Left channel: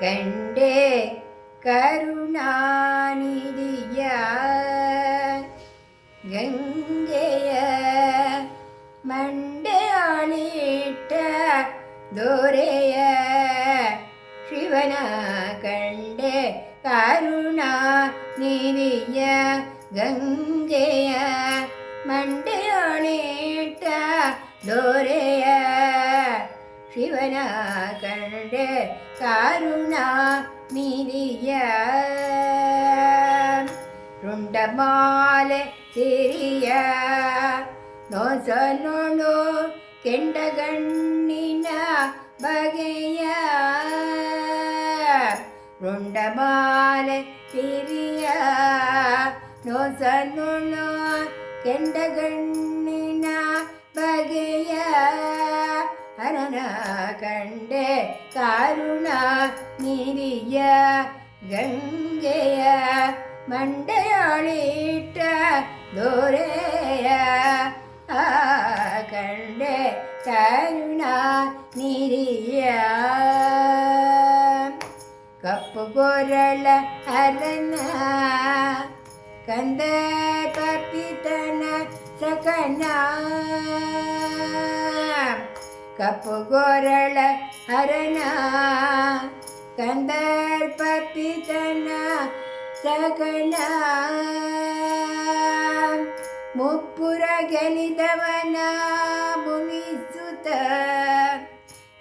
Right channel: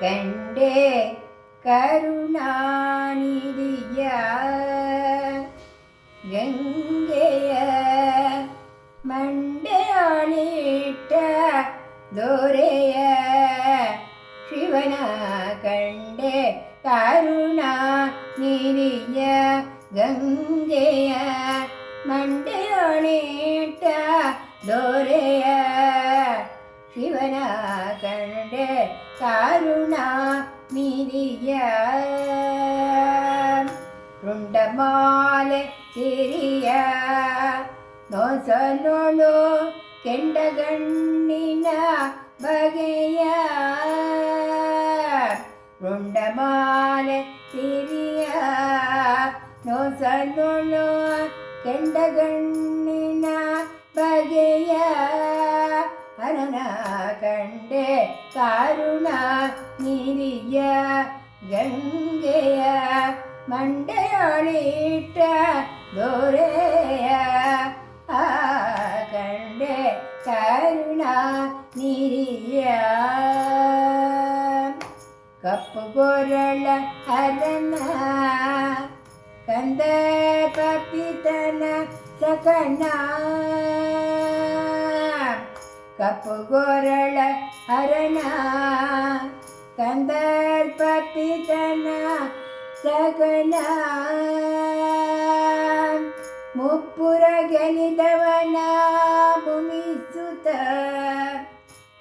കണ്ടേ കരുണാനിധിയ ഗംഗയ മണ്ടയാളിട്ട ദോരയ ശിവന കണ്ടേ കരുണ നിധിയ ഗംഗയ മണ്ടയാളിട്ട ദോരയ ശിവന കണ്ടേ കരുണ നിധിയ ರುಂಡಮಾಲೆ ಸಿರಿಯ ನೋಸಲೋಳು ಕೆಂಡಗಣ್ಣಿನ ಬಗೆಯ ನೊಸಲೋ ಕೆಂಡಗಣ್ಣಿನ ಬಗೆಯ ಅನನ ಕಂಡೆ ಕಾರುಣ ನೀರಿಯ ಗಂಗೆಯ ಮಂಡೆಯಳಿಟ್ಟ ದೊರೆ ಕಂದ ಕಪಿತನ ಸಕನ ಕಪ್ಪು ಗೊರಳ ಹರಣ. ಕಂದರ್ಪಿತನ ಸಕನ ಮುಪ್ಪುರ ಗೆಲಿದವನ ಭೂಮಿಸುತ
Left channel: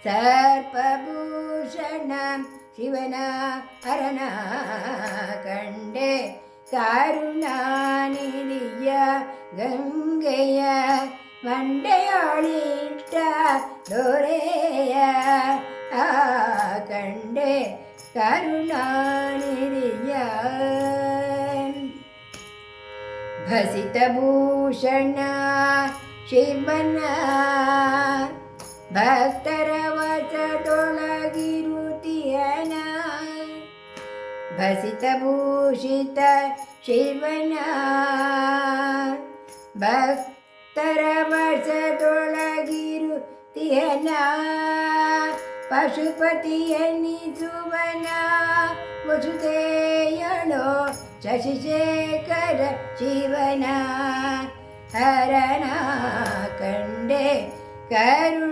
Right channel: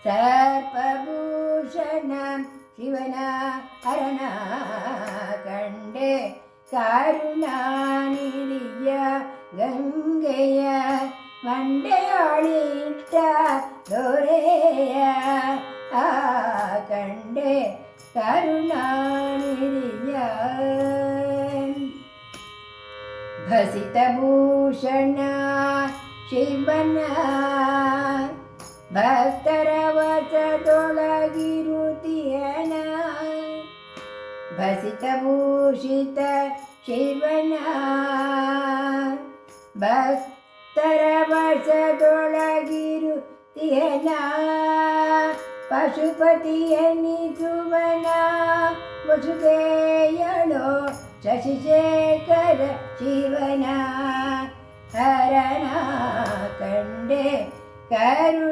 ಸರ್ಪಭೂಷಣ ಶಿವನ ಹರಣ ಕಂಡೆ കരുണാനിധിയ ഗംഗയ മണ്ടയോളിട്ട ദോരേയ. ആ കണ്ടേ കരുണാനിധിയ. ഭസിതഭൂഷണ ശിവന. ഭക്തരാ ಭಸಿತಭೂಷಿತ ಶಿವನ ಭಕ್ತರ ವಚದೊಳಗಿರುತಿಯನ ಪಶುಪತಿಯನಿಸುವನ ವಸುದೇಯಣೋ ಶಶಿಶೇಖರ ಶಿವನ ಹರಣ ಕಂಡೆ ಕರುಣಾನಿಧಿಯ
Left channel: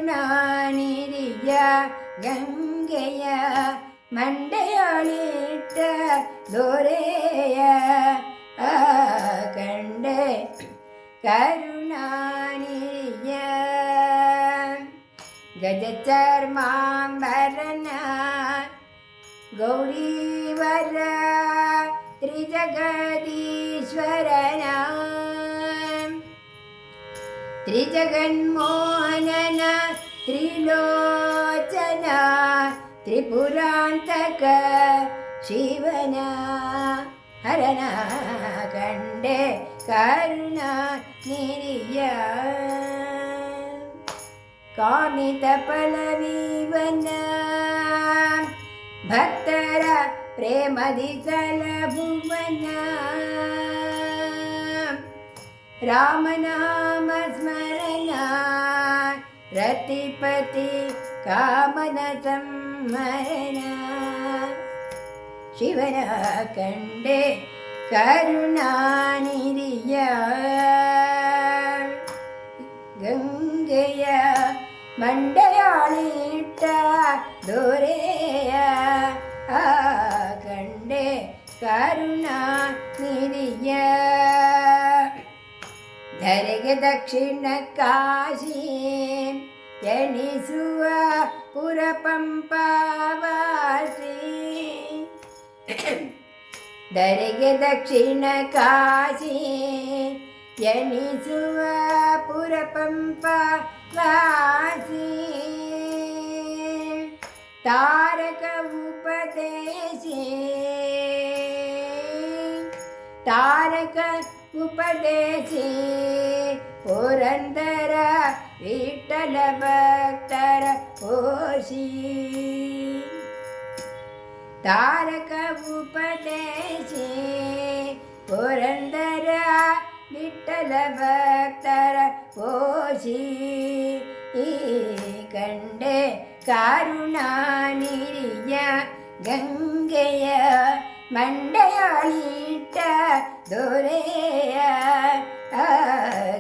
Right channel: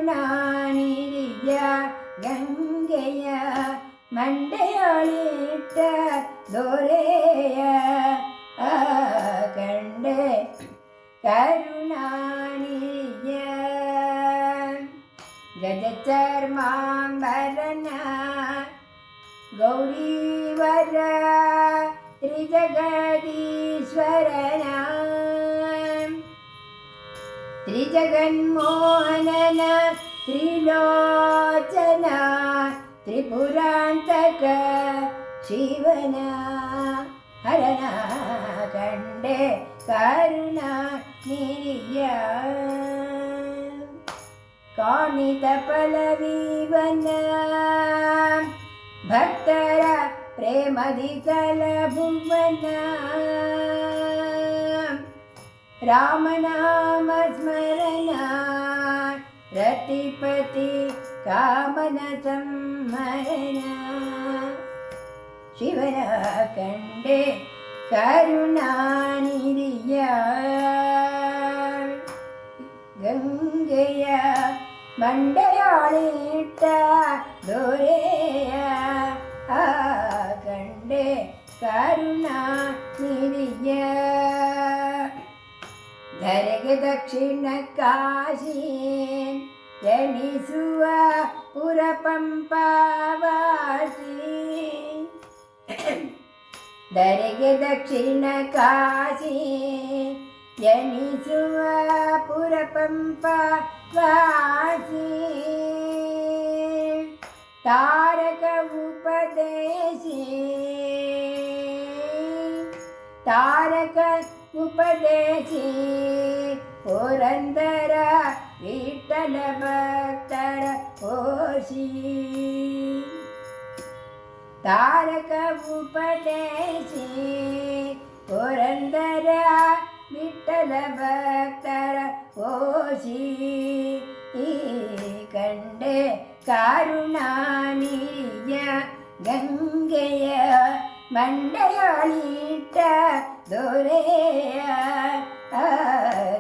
ಗಂಗೆಯ ಮಂಡೆಯಾಳಿಟ್ಟ ದೊರೆಯ ಆ ಕಂಡೆ ಕರುಣಾನಿಧಿಯ ಗಜಚರ್ಮಾಂಬರನ ಗೌರೀವರ ತ್ರಿಜಗದೀಶ್ವರನ ತ್ರಿಜಗನ್ಮೋಹನನ ತ್ರಿಲೋಚನ ತ್ರಿಪುರಾಂತಕ നിനക്ക് ശിവന ഹരണ കണ്ടേ കരുണ നിരിയ. കാമിത പലവീവന ഭക്തര പ്രേമതി കലഭുവന രാമനാമ സ്മരണ रतिपति कामनसंहरणा ശിവന കണ്ടേ കരുണാനിരിയ ഗംഗയ മണ്ടയാളിട്ട ദൂരേയ. ആ കണ്ടേ കരുണാനിരിയ ധരക ദക്ഷിണ കാശി എണിസുവ പുരപംപാവാസി ಧರೆಗೆ ದಕ್ಷಿಣ ಕಾಶಿ ಎಣಿಸುವ ಪುರ ಪಂಪ ವಾಸಿ ತಾರಕ ಉಪದೇಶಿ ತಾರಕ ಉಪದೇಶಿ ಪುರಂದರ ವಿಠಲ ಭಕ್ತರ ಓಶಿ താരക ഉപദേശി പുരന്തര വിട്ടല ഭക്തര പോഷി ഈ കണ്ടേ കരുണാനിരിഞ്ഞ ഗംഗയ മണ്ടയാളിട്ട ദോരയ.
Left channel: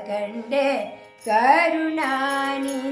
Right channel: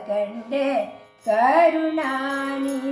കണ്ട് കരുണാനിരിയ